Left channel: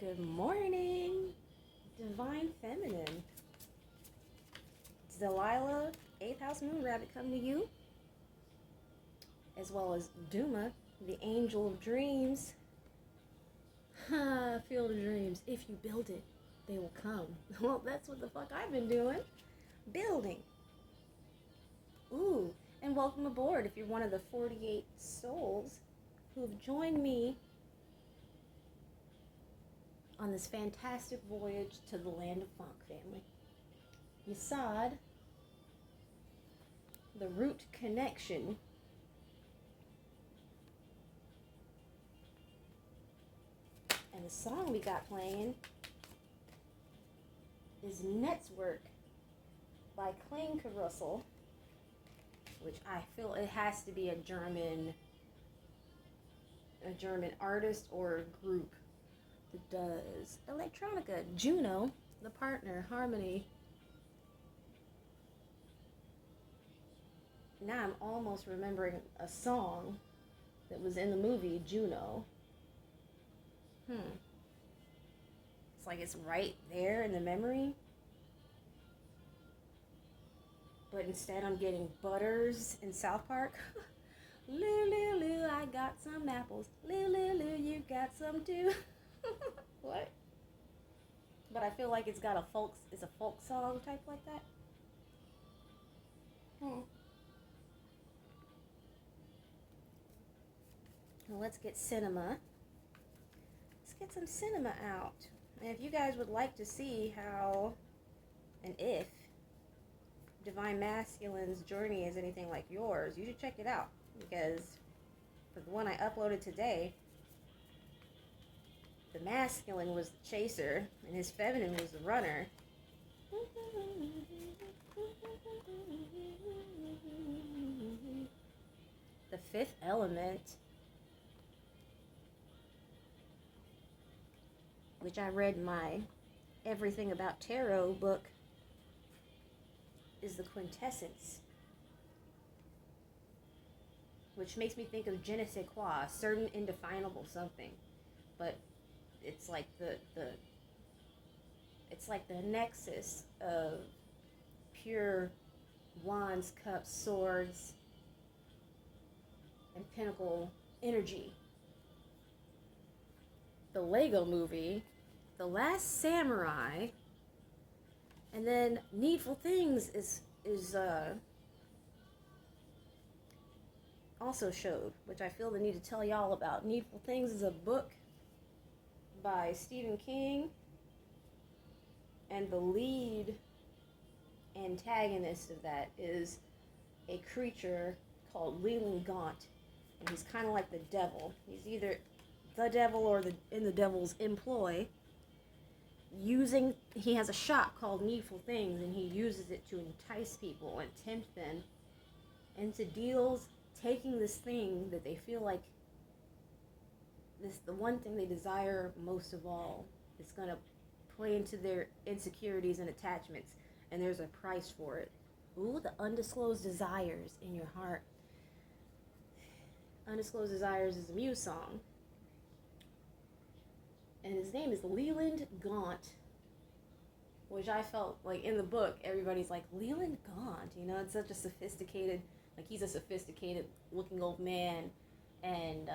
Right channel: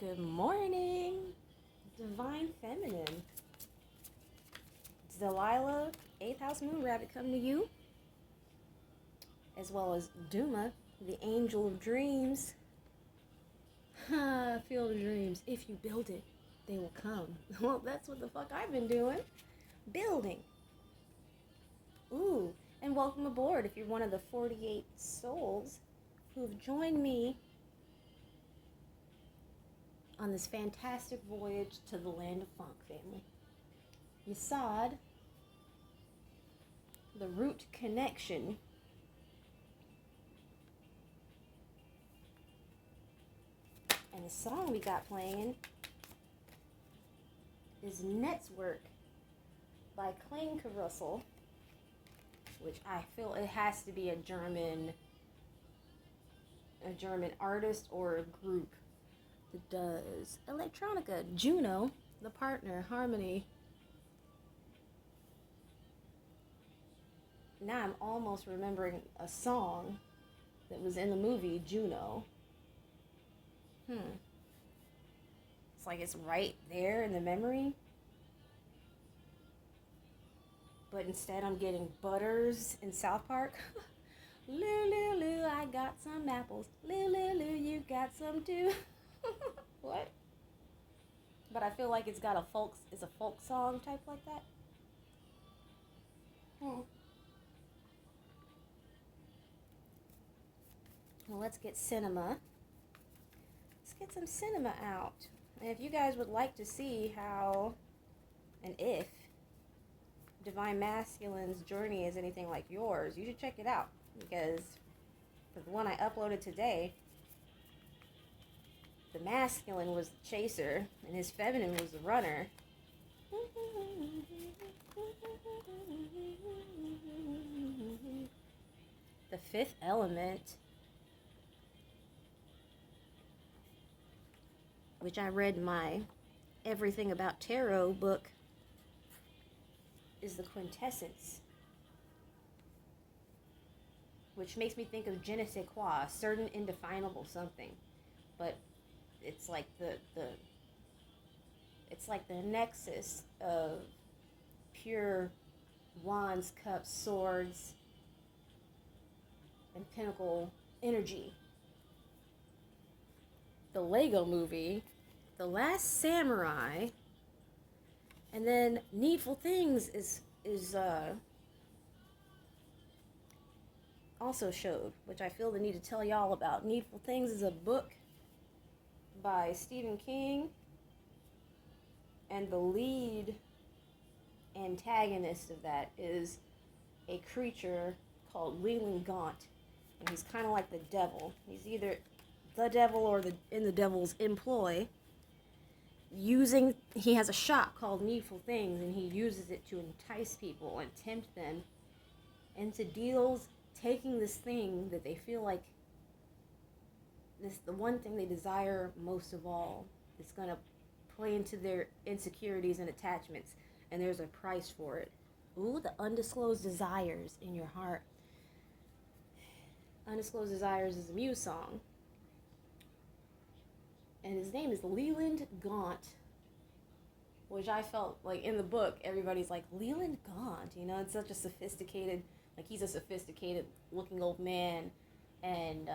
Good morning, Divine Feminine. It's Delilah, 8th House Moon Rabbit, coming to you, as well as Duma, the Angel of Dreams. Field of Dreams. If you build it, they will come. Well, that's what the fuck I've been doing. Building. Ooh, and welcome aboard if you're one of the 48 souls who have joined me on this fantastic voyage to the land of funk, family. Yesod, the root connection. And the song we got playing is Netzwerk by Klangkarussell, which I feel it has to be a German artist or a group that does electronica. Juno, the partner, Harmony. Now I'm almost remembering a song that was in the movie Juno. It's like it's right there in the memory. But instead I'm getting Butters in South Park. Lou, Lou, I got some apples. Lou, you got some too. What? But I feel like it's a folk song type like that. Well, let's get cinema. Let's get some cinema out. And if you guys would like to see how and if Divine Masculine's journey is anything like yours, you should check it out. Because the one I uploaded today, the masculine was the chaser and his feminine was the runner. The fifth element, which I read in my Everything About Tarot book, is the quintessence, which makes me think of je ne sais quoi, a certain indefinable something. But it's like the nexus of pure wands, cups, swords, and pinnacle energy. The Lego movie, The Last Samurai, and then Needful Things is also showed, which I feel the need to tell y'all about. Needful Things is a book by Stephen King, and the lead antagonist of that is a creature called Leland Gaunt, and he's kind of like the devil. He's either the devil or in the devil's employ. He has a shop called Needful Things, and he uses it to entice people and tempt them into deals, taking this thing that they feel like the one thing they desire most of all. It's going to play into their insecurities and attachments, and there's a price for it. Ooh, the undisclosed desires in your heart. Undisclosed Desires is a Muse song. And his name is Leland Gaunt, which I felt like in the book, everybody's like, Leland Gaunt, it's such a sophisticated, he's a sophisticated looking old man. And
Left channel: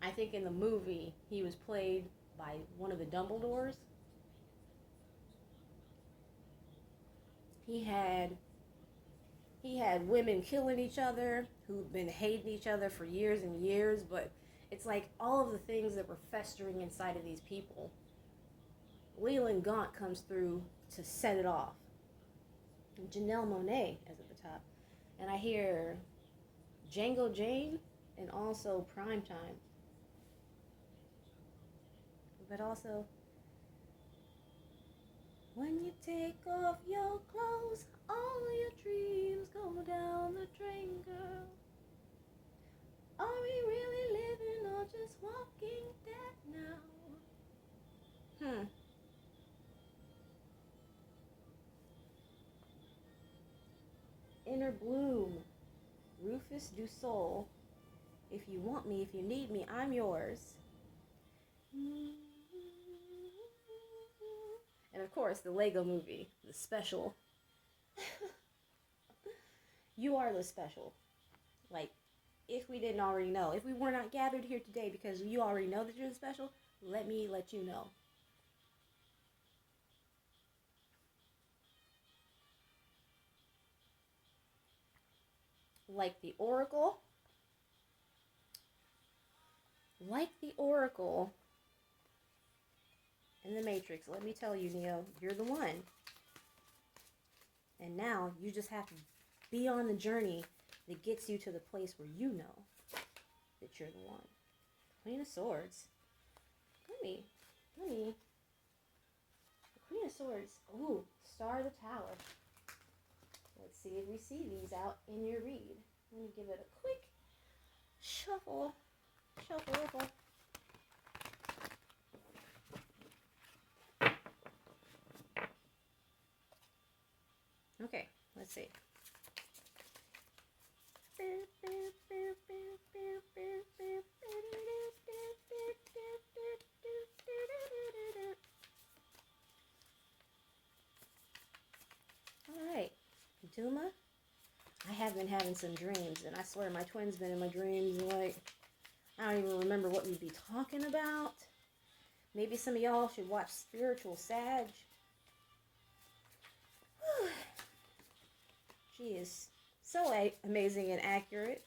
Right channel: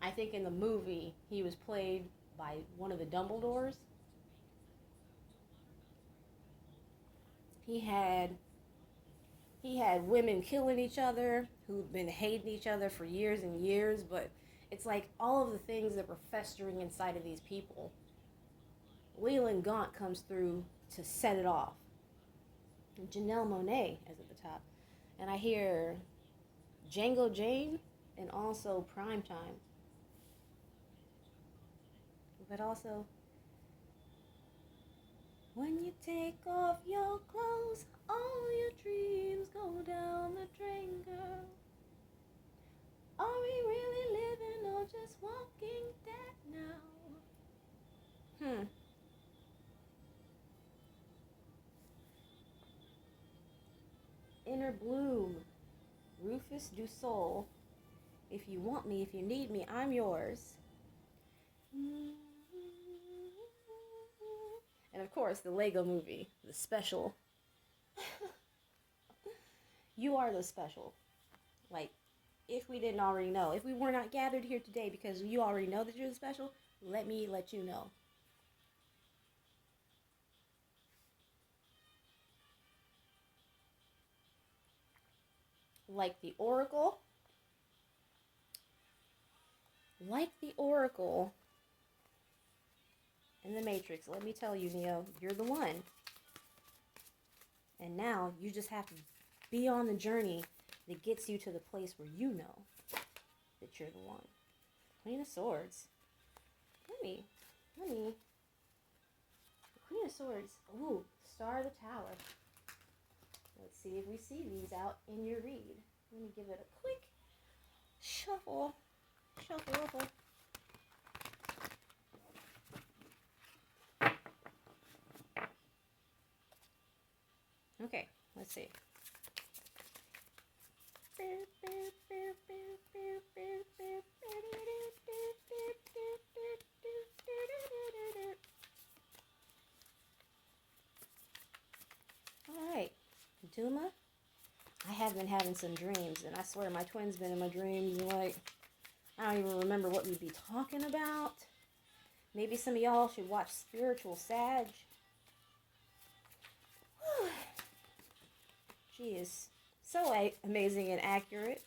I think in the movie, he was played by one of the Dumbledores. He had women killing each other, who've been hating each other for years and years, but it's like all of the things that were festering inside of these people, Leland Gaunt comes through to set it off. And Janelle Monáe is at the top. And I hear Django Jane and also Primetime. But also, when you take off your clothes, all your dreams go down the drain, girl. Are we really living or just walking dead now? Inner Bloom, Rufus Du Sol. If you want me, if you need me, I'm yours. And of course, the Lego movie, the special. You are the special. Like, if we didn't already know, if we were not gathered here today because you already know that you're the special, let me let you know. Like the Oracle. Like the Oracle in the Matrix, let me tell you, Neo, you're the one. And now you just have to be on the journey that gets you to the place where you know that you're the one. Queen of Swords. Let me. The Queen of Swords. Ooh, Star of the Tower. Let's see if we see these out in your read. Let me give it a quick shuffle. Shuffle. Okay, let's see. All right, Duma, I have been having some dreams, and I swear my twin's been in my dreams, and like, I don't even remember what we'd be talking about. Maybe some of y'all should watch Spiritual Sag. She is so amazing and accurate.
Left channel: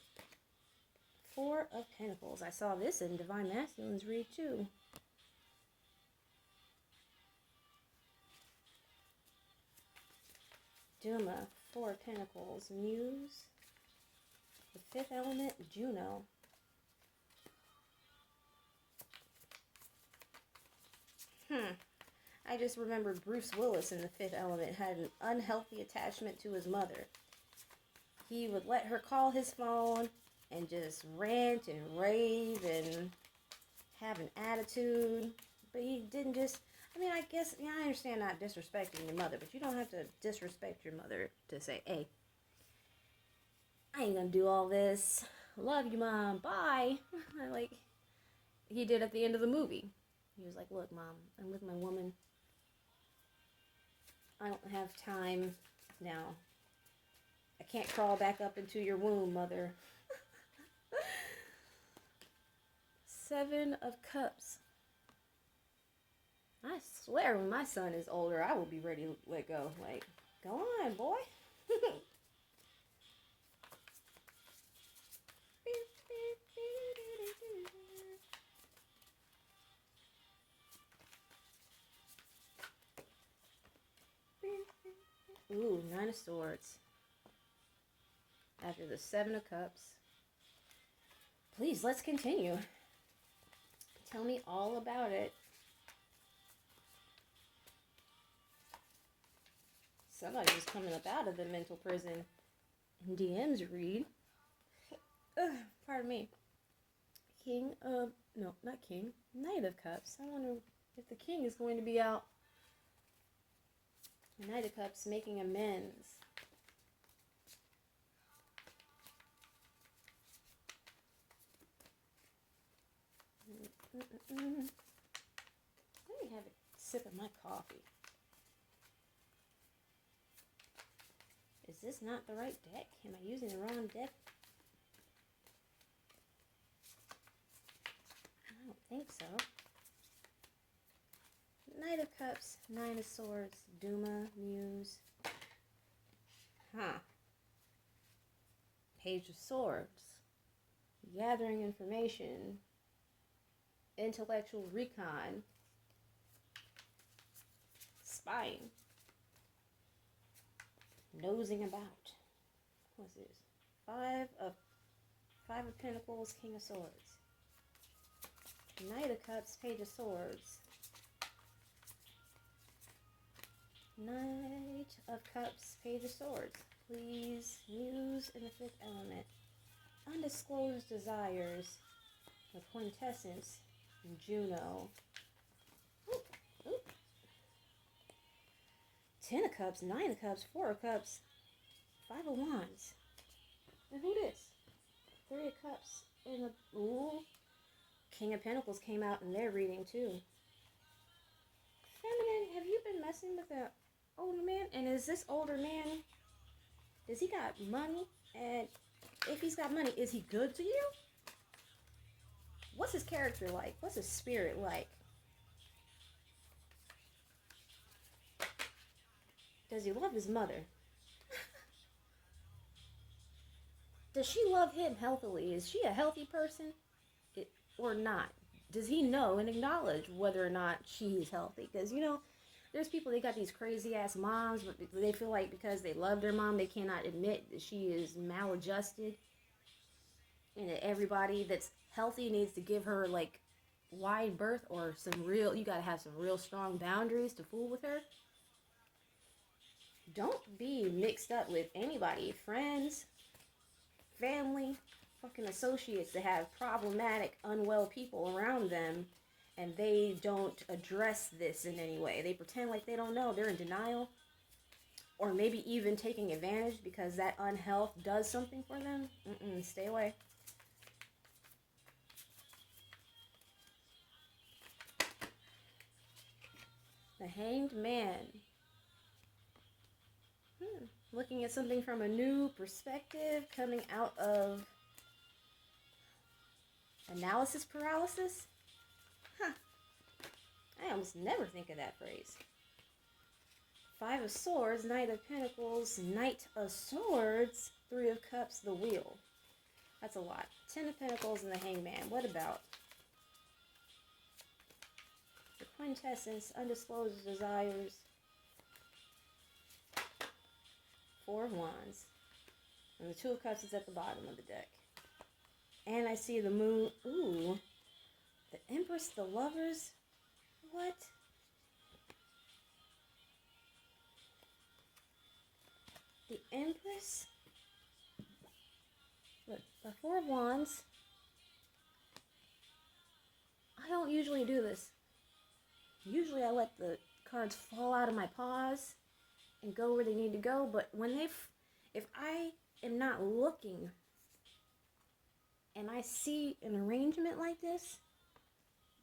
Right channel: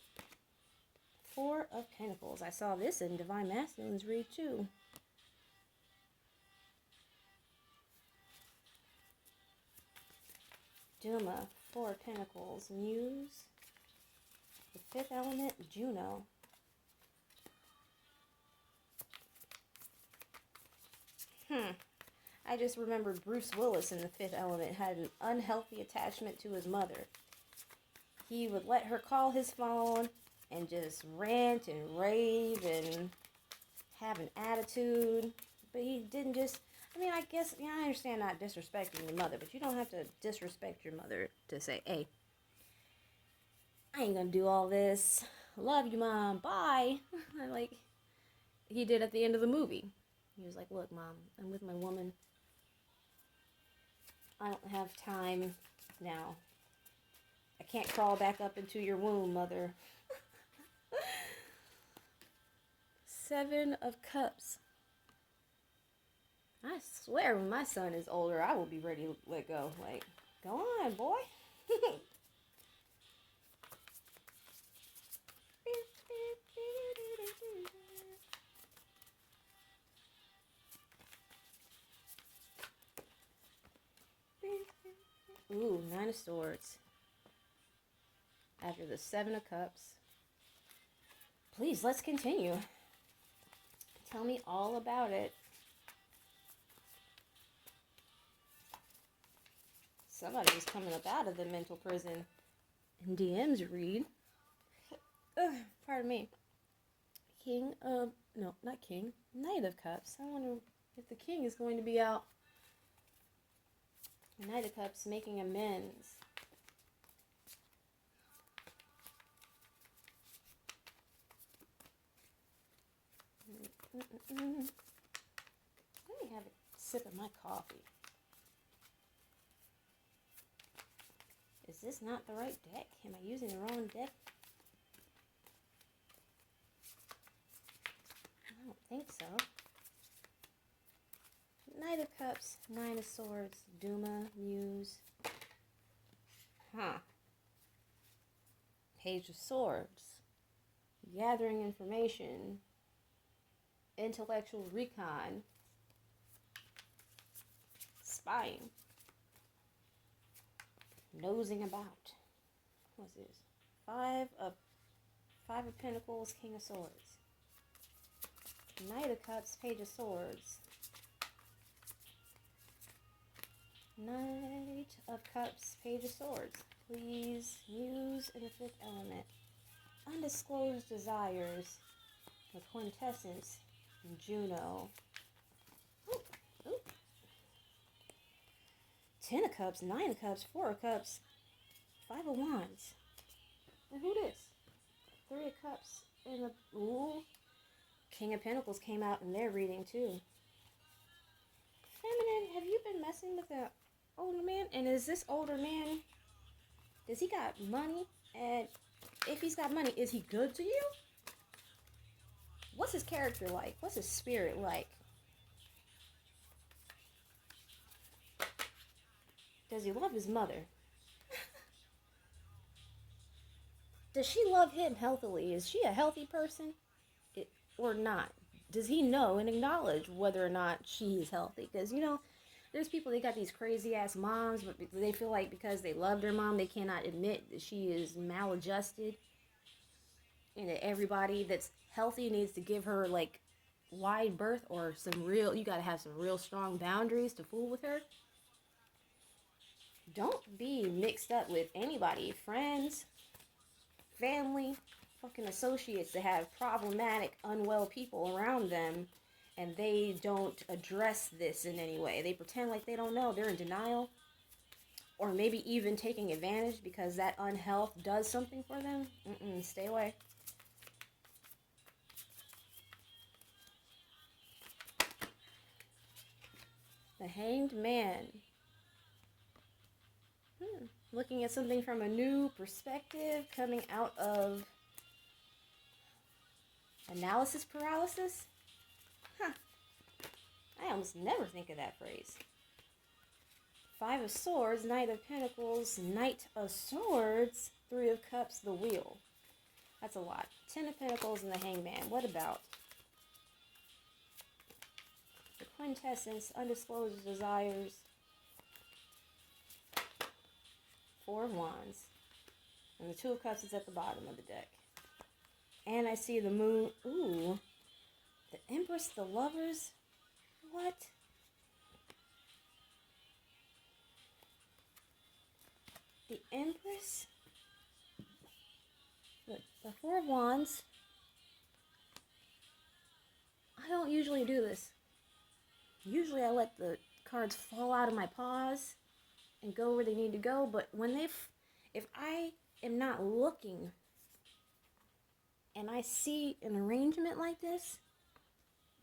Four of Pentacles. I saw this in Divine Masculine's read too. Duma, Four of Pentacles. Muse. The Fifth Element, Juno. I just remember Bruce Willis in The Fifth Element had an unhealthy attachment to his mother. He would let her call his phone and just rant and rave and have an attitude. But he didn't just, I guess, I understand not disrespecting your mother, but you don't have to disrespect your mother to say, hey, I ain't gonna do all this. Love you, Mom. Bye. Like he did at the end of the movie. He was like, look, Mom, I'm with my woman. I don't have time now. I can't crawl back up into your womb, Mother. Seven of Cups. I swear when my son is older, I will be ready to let go. Like, go on, boy. Ooh, Nine of Swords. After the Seven of Cups. Please, let's continue. Tell me all about it. Somebody was coming up out of the mental prison in DM's read. Pardon me. King of... No, not King. Knight of Cups. I wonder if the King is going to be out. Knight of Cups making amends. Let me have a sip of my coffee. Is this not the right deck? Am I using the wrong deck? I don't think so. Knight of Cups, Nine of Swords, Duma, Muse. Page of Swords. Gathering information. Intellectual recon. Spying. Nosing about. What's this? Five of Pentacles, King of Swords. Knight of Cups, Page of Swords. Knight of Cups, Page of Swords. Please, Muse in the Fifth Element. Undisclosed Desires with Quintessence and Juno. Ooh. Ten of Cups, Nine of Cups, Four of Cups, Five of Wands. And who this? Three of Cups and the King of Pentacles came out in their reading too. Feminine have you been messing with an older man? And is this older man, does he got money? And if he's got money, is he good to you? What's his character like? What's his spirit like? Does he love his mother? Does she love him healthily? Is she a healthy person or not? Does he know and acknowledge whether or not she is healthy? Because, there's people, they got these crazy ass moms, but they feel like because they love their mom, they cannot admit that she is maladjusted. And that everybody that's healthy needs to give her like wide berth or you gotta have some real strong boundaries to fool with her. Don't be mixed up with anybody, friends, family, fucking associates that have problematic, unwell people around them, and they don't address this in any way. They pretend like they don't know. They're in denial, or maybe even taking advantage because that unhealth does something for them. Stay away. The Hanged Man. Looking at something from a new perspective, coming out of analysis paralysis? I almost never think of that phrase. Five of Swords, Knight of Pentacles, Knight of Swords, Three of Cups, the Wheel. That's a lot. 10 of Pentacles and the Hangman. What about the Quintessence, Undisclosed Desires, Four of Wands, and the Two of Cups is at the bottom of the deck. And I see the Moon. Ooh, the Empress, the Lovers. What? The Empress. Look, the Four of Wands. I don't usually do this. Usually I let the cards fall out of my paws and go where they need to go, but if I am not looking and I see an arrangement like this,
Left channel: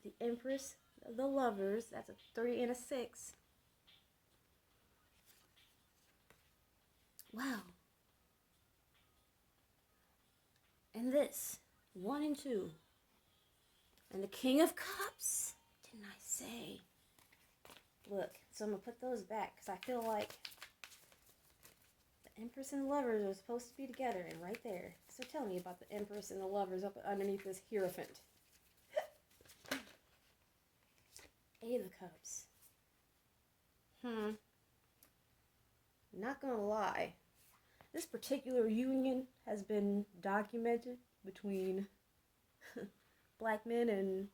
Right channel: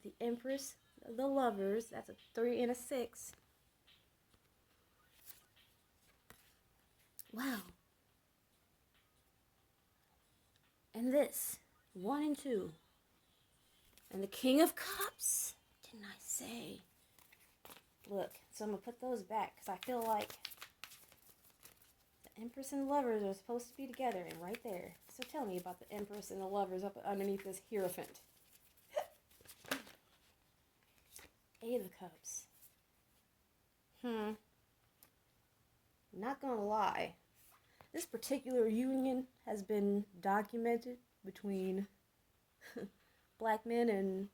the Empress, the Lovers, that's a 3 and a 6. Wow. And this, 1 and 2. And the King of Cups, didn't I say? Look, so I'm going to put those back because I feel like the Empress and the Lovers are supposed to be together, and right there. So tell me about the Empress and the Lovers up underneath this Hierophant. Eight of Cups. Not gonna lie. This particular union has been documented between black men and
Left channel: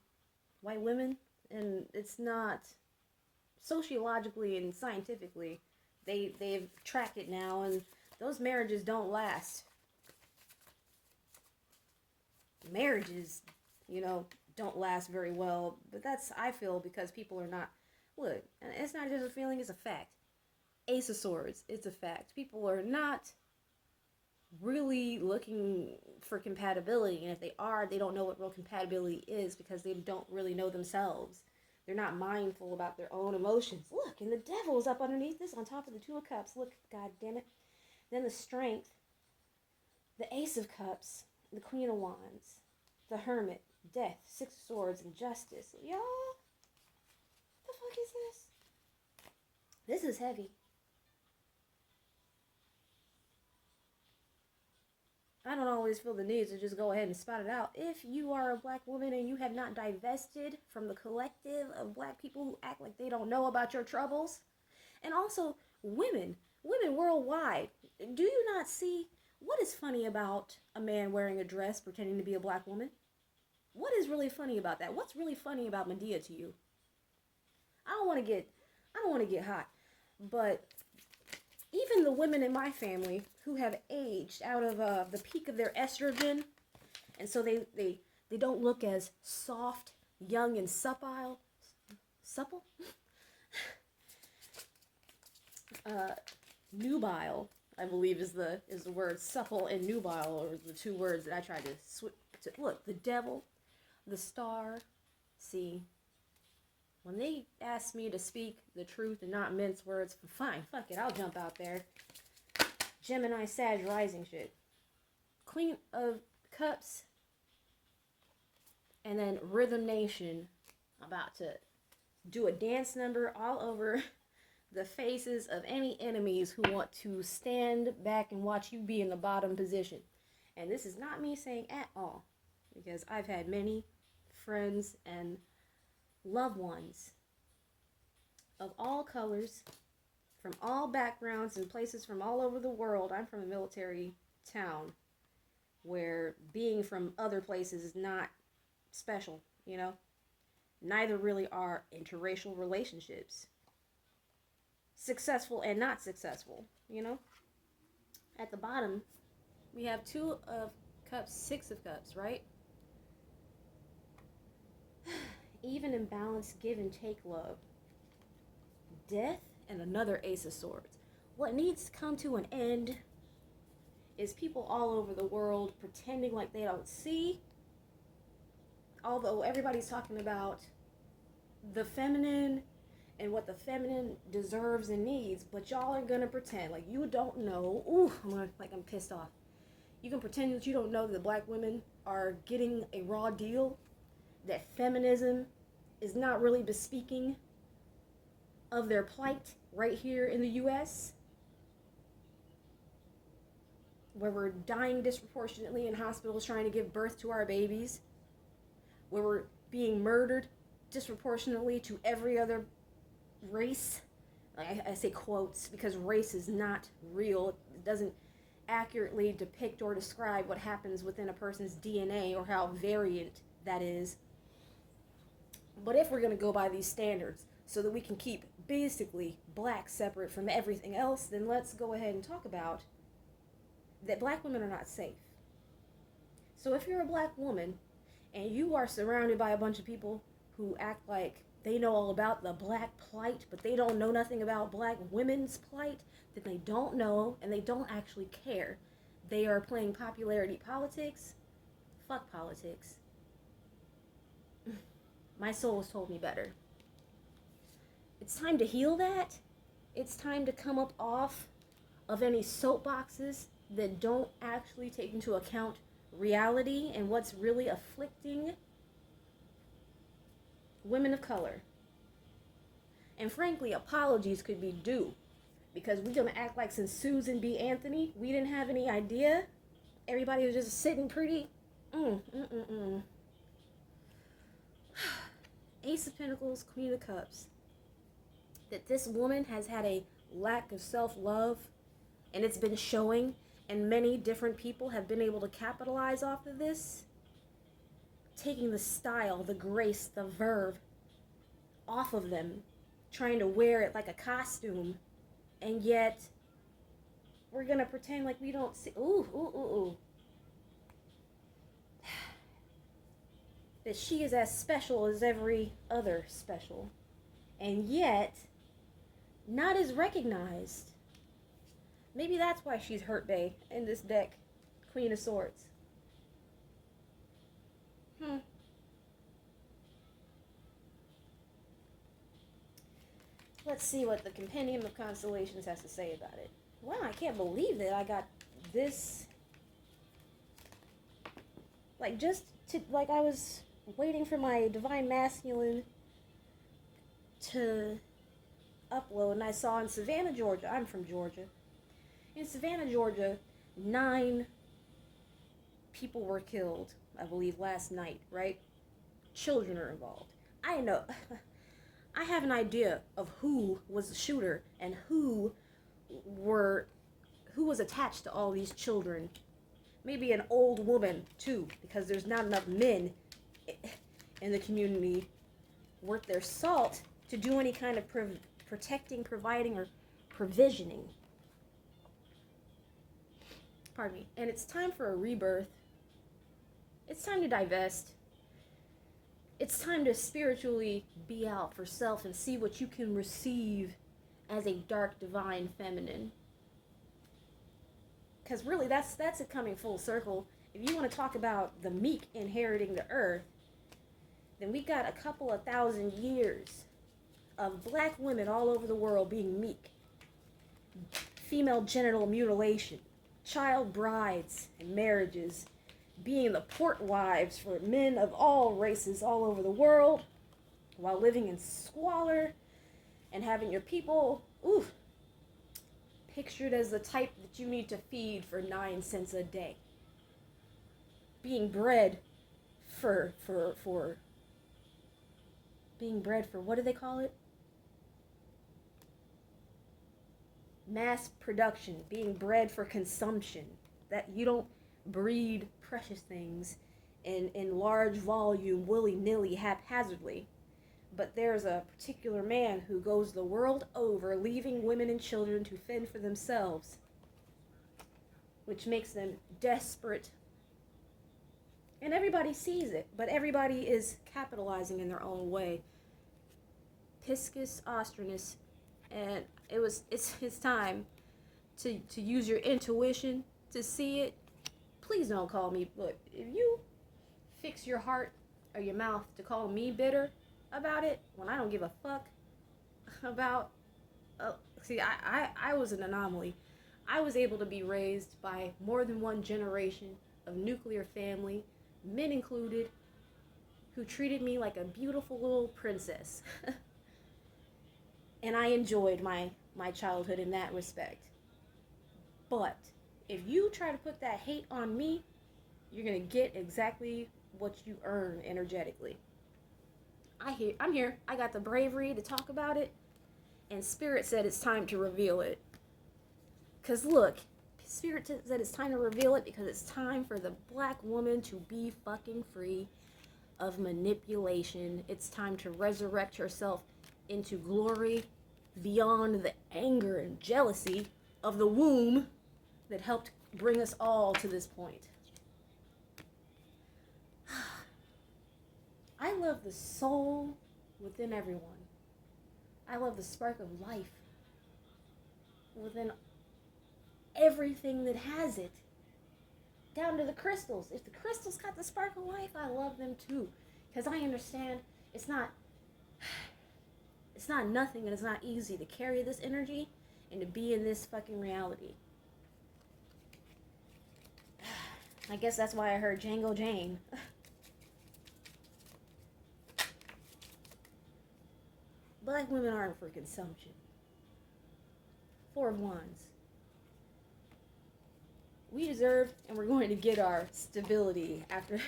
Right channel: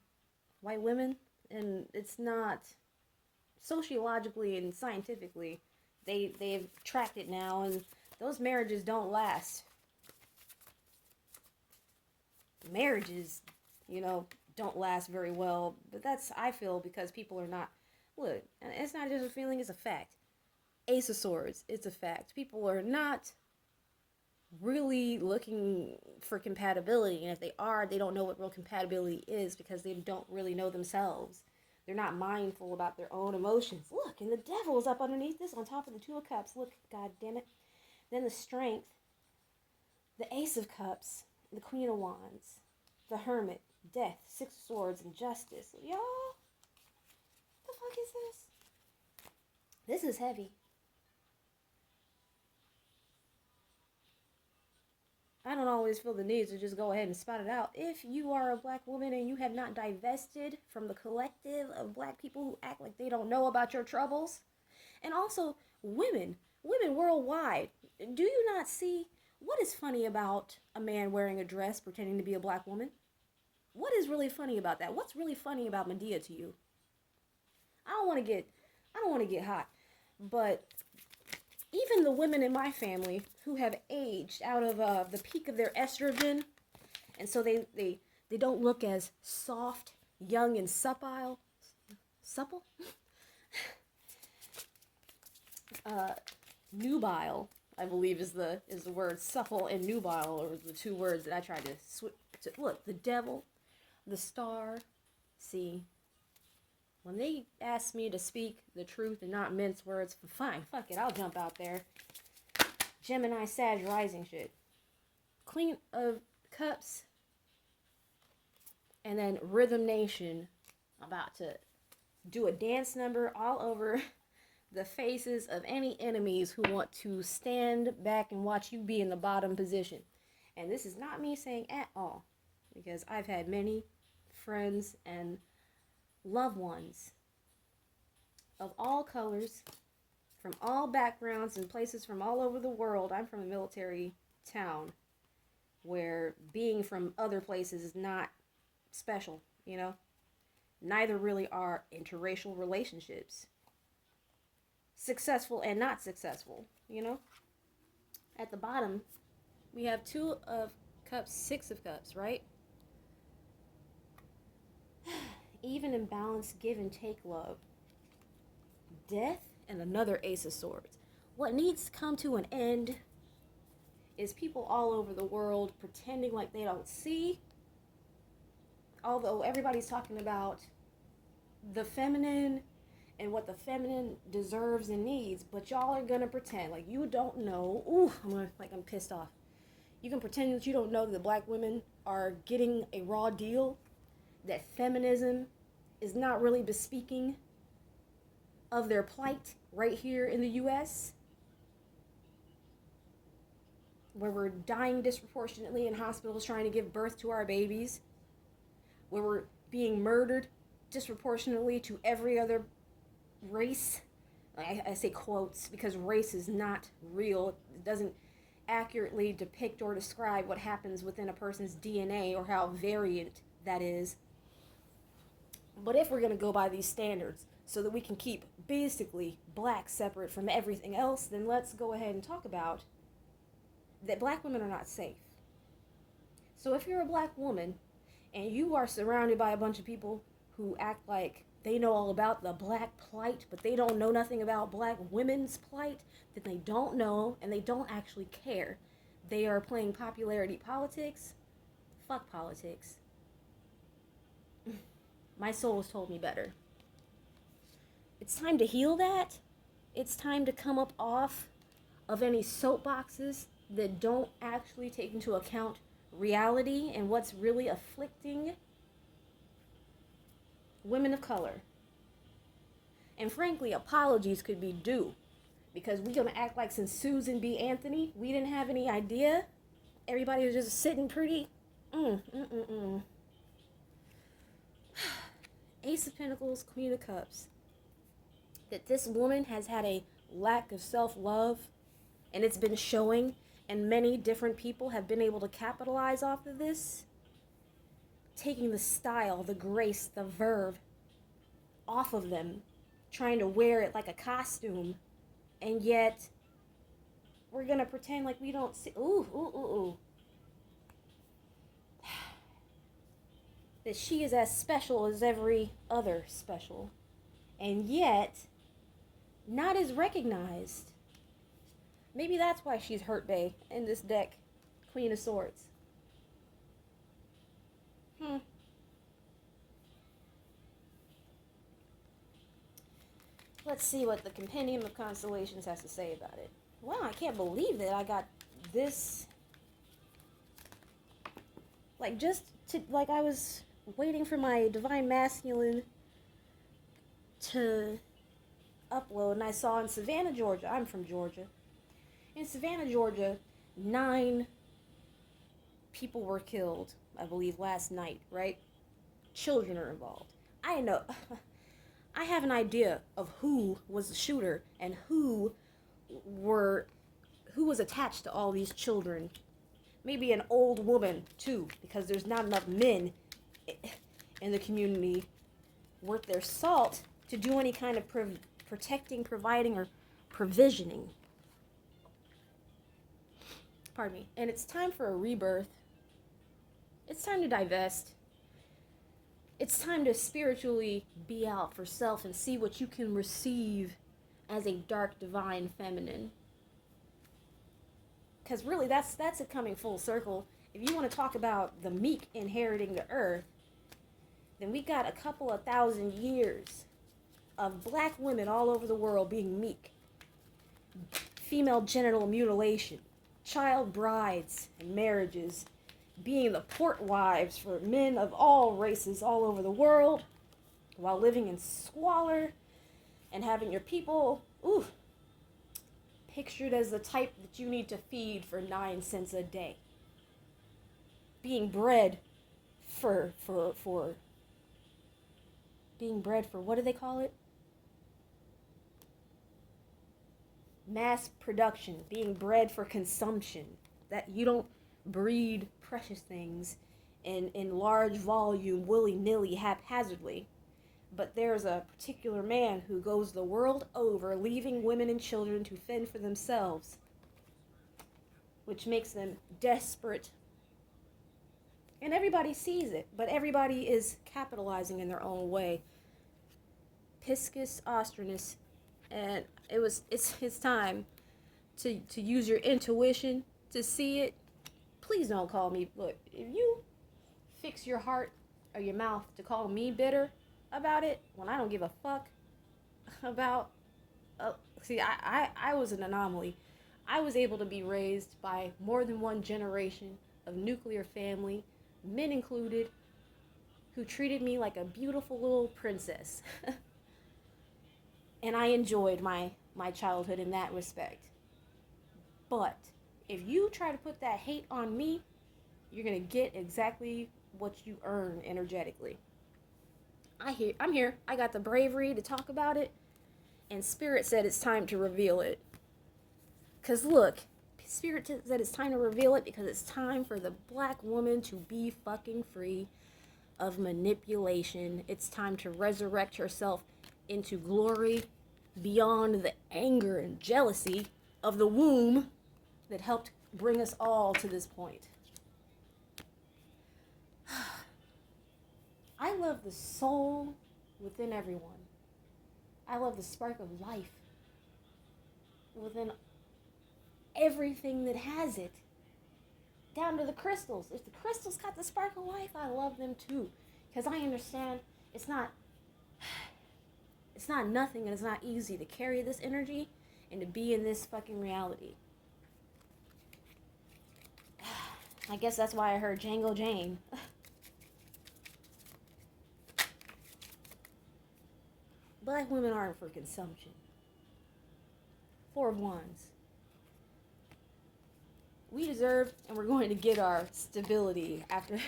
white women, and it's not sociologically and scientifically, they've tracked it now, and those marriages don't last. Marriages, don't last very well, but that's, I feel, because people are not, look, it's not just a feeling, it's a fact. Ace of Swords, it's a fact. People are not really looking for compatibility, and if they are, they don't know what real compatibility is because they don't really know themselves. They're not mindful about their own emotions. Look, and the Devil is up underneath this on top of the Two of Cups. Look, God damn it. Then the Strength, the Ace of Cups, the Queen of Wands, the Hermit, Death, Six of Swords, and Justice. Y'all, what the fuck is this? This is heavy. I don't always feel the need to just go ahead and spout it out. If you are a black woman and you have not divested from the collective of black people who act like they don't know about your troubles, and also women worldwide, do you not see what is funny about a man wearing a dress pretending to be a black woman? What is really funny about that? What's really funny about Medea to you? I don't want to get hot, but even the women in my family who have aged out of the peak of their estrogen, and so they don't look as soft, young, and supple. Nubile, I believe, is the word. Supple and nubile are the two words that I tried to look. The Devil, the Star. See, When they ask me to speak the truth and not mince words, fine, fuck it, I'll jump out there. Gemini, Sag, rising shit. Queen of Cups. And then Rhythm Nation. About to do a dance number all over the faces of any enemies who want to stand back and watch you be in the bottom position. And this is not me saying at all, because I've had many friends and loved ones of all colors, from all backgrounds and places from all over the world. I'm from a military town where being from other places is not special, you know? Neither really are interracial relationships. Successful and not successful, you know? At the bottom, we have 2 of Cups, 6 of Cups, right? Even and balance, give and take love. Death and another Ace of Swords. What needs to come to an end is people all over the world pretending like they don't see. Although everybody's talking about the feminine and what the feminine deserves and needs, but y'all are gonna pretend like you don't know. Ooh, I'm pissed off. You can pretend that you don't know that black women are getting a raw deal, that feminism is not really bespeaking of their plight right here in the U.S., where we're dying disproportionately in hospitals trying to give birth to our babies, where we're being murdered disproportionately to every other race. Like I say quotes because race is not real. It doesn't accurately depict or describe what happens within a person's DNA or how variant that is. But if we're going to go by these standards so that we can keep basically black separate from everything else, then let's go ahead and talk about that black women are not safe. So if you're a black woman and you are surrounded by a bunch of people who act like they know all about the black plight, but they don't know nothing about black women's plight, then they don't know and they don't actually care. They are playing popularity politics. Fuck politics. My soul has told me better. It's time to heal that. It's time to come up off of any soapboxes that don't actually take into account reality and what's really afflicting women of color. And frankly, apologies could be due, because we're going to act like since Susan B. Anthony, we didn't have any idea. Everybody was just sitting pretty. Ace of Pentacles, Queen of Cups. That this woman has had a lack of self-love, and it's been showing, and many different people have been able to capitalize off of this, taking the style, the grace, the verve off of them, trying to wear it like a costume, and yet we're gonna pretend like we don't see. That she is as special as every other special, and yet not as recognized. Maybe that's why she's hurt bae in this deck, Queen of Swords. Let's see what the Compendium of Constellations has to say about it. Wow, I can't believe that I got this. Like, I was waiting for my Divine Masculine to upload, and I saw in Savannah, Georgia. I'm from Georgia. In Savannah, Georgia, 9 people were killed, I believe, last night, right? Children are involved. I know. I have an idea of who was the shooter and who was attached to all these children. Maybe an old woman, too, because there's not enough men in the community worth their salt to do any kind of protecting, providing, or provisioning. Pardon me. And it's time for a rebirth. It's time to divest. It's time to spiritually be out for self and see what you can receive as a dark, divine feminine. Because really, that's it coming full circle. If you want to talk about the meek inheriting the earth, then we got a couple of thousand years of black women all over the world being meek, female genital mutilation, child brides and marriages, being the port wives for men of all races all over the world, while living in squalor and having your people, pictured as the type that you need to feed for 9 cents a day. Being bred for being bred for, what do they call it? Mass production, being bred for consumption. That you don't breed precious things in large volume, willy-nilly, haphazardly. But there's a particular man who goes the world over, leaving women and children to fend for themselves, which makes them desperate. And everybody sees it, but everybody is capitalizing in their own way. Piscus Austrinus, and it's his time to use your intuition to see it. Please don't call me. Look, if you fix your heart or your mouth to call me bitter about it, when I don't give a fuck about. See, I was an anomaly. I was able to be raised by more than one generation of nuclear family, men included, who treated me like a beautiful little princess. And I enjoyed my childhood in that respect. But if you try to put that hate on me, you're going to get exactly what you earn energetically. I'm here. I got the bravery to talk about it. And Spirit said it's time to reveal it. Because look, Spirit said it's time to reveal it because it's time for the black woman to be fucking free of manipulation. It's time to resurrect herself into glory beyond the anger and jealousy of the womb that helped bring us all to this point. I love the soul within everyone. I love the spark of life within everything that has it. Down to the crystals. If the crystals got the spark of life, I love them too. Because I understand it's not nothing and it's not easy to carry this energy and to be in this fucking reality. I guess that's why I heard Django Jane. Black women aren't for consumption. 4 of Wands. We deserve and we're going to get our stability after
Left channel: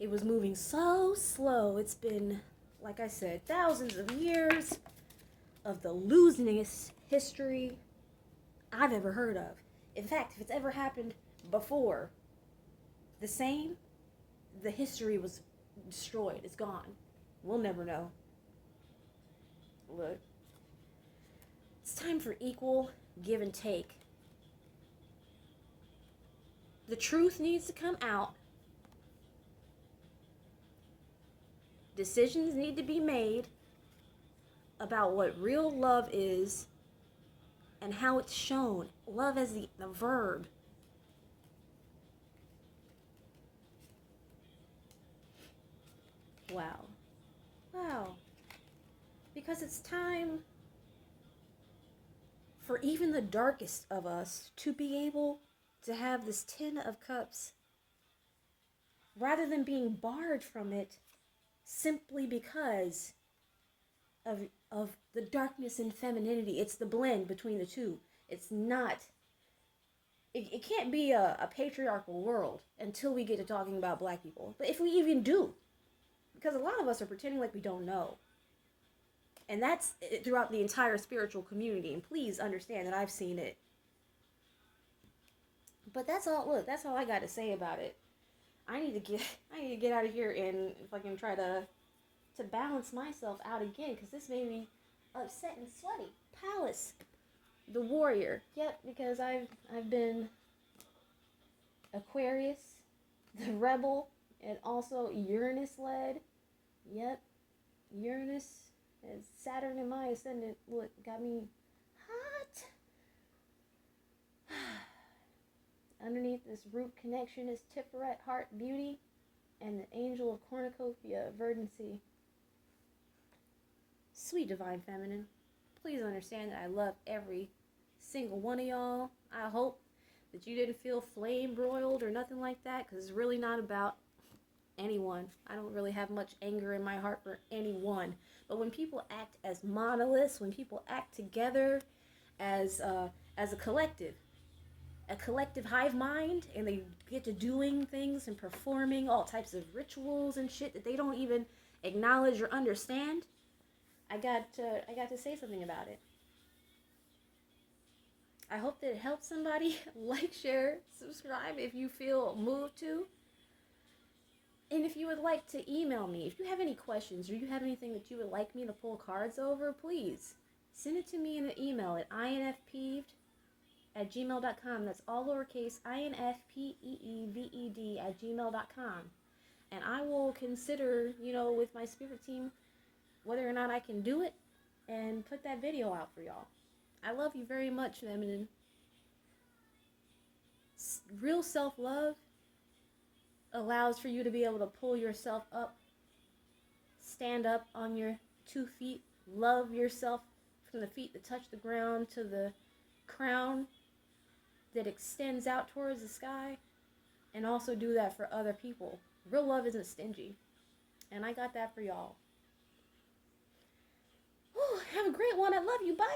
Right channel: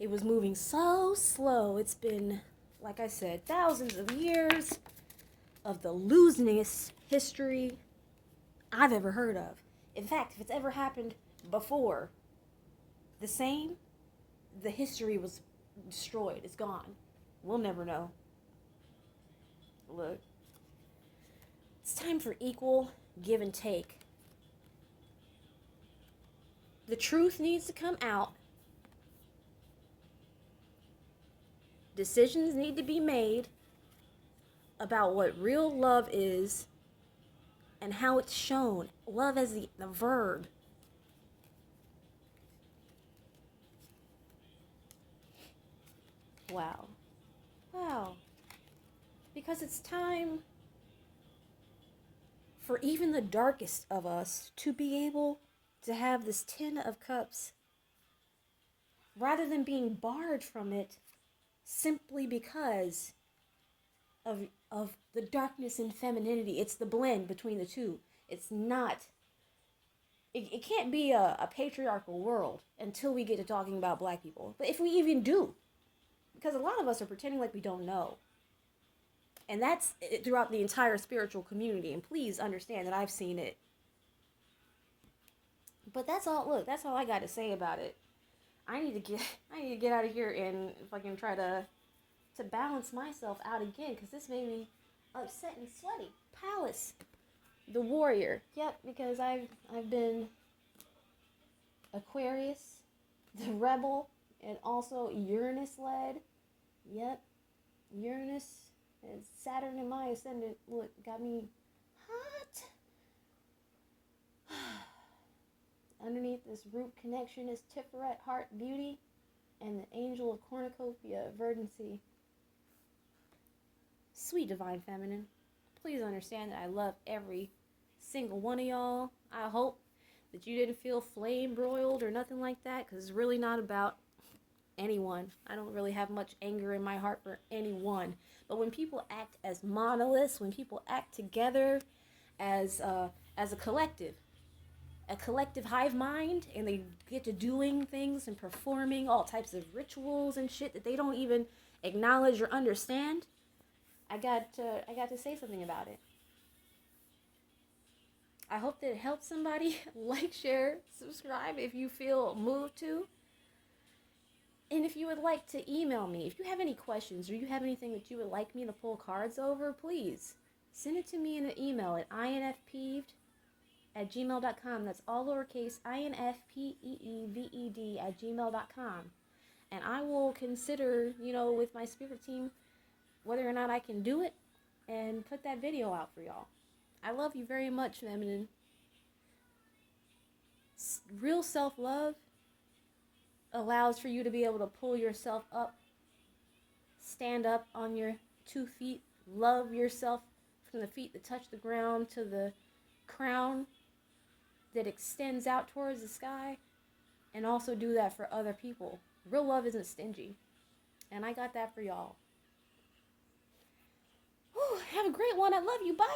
it was moving so slow. It's been, like I said, thousands of years of the losingest history I've ever heard of. In fact, if it's ever happened before the same, the history was destroyed. It's gone. We'll never know. Look, it's time for equal give and take. The truth needs to come out. Decisions need to be made about what real love is and how it's shown. Love as the verb. Wow. Because it's time for even the darkest of us to be able to have this 10 of cups rather than being barred from it simply because of the darkness and femininity. It's the blend between the two. It's not, it can't be a patriarchal world until we get to talking about black people. But if we even do, because a lot of us are pretending like we don't know. And that's throughout the entire spiritual community. And please understand that I've seen it. But that's all. Look, that's all I got to say about it. I need to get out of here and fucking try to balance myself out again, because this made me upset and sweaty. Palace, the warrior. Yep, because I've been Aquarius, the rebel, and also Uranus led. Yep, Uranus and Saturn in my ascendant. Look, got me hot. Underneath this root connection is Tiferet, heart, beauty, and the angel of cornucopia, verdancy. Sweet divine feminine, please understand that I love every single one of y'all. I hope that you didn't feel flame broiled or nothing like that, because it's really not about anyone. I don't really have much anger in my heart for anyone. But when people act as monoliths, when people act together as a collective hive mind, and they get to doing things and performing all types of rituals and shit that they don't even acknowledge or understand, I got to say something about it. I hope that it helps somebody. Like, share, subscribe if you feel moved to. And if you would like to email me, if you have any questions or you have anything that you would like me to pull cards over, please send it to me in an email at infpeeved@gmail.com. That's all lowercase, infpeeved@gmail.com. And I will consider, with my spirit team, whether or not I can do it and put that video out for y'all. I love you very much, feminine. Real self-love allows for you to be able to pull yourself up, stand up on your 2 feet, love yourself from the feet that touch the ground to the crown that extends out towards the sky, and also do that for other people. Real love isn't stingy, and I got that for y'all. Whew, have a great one. I love you. Bye.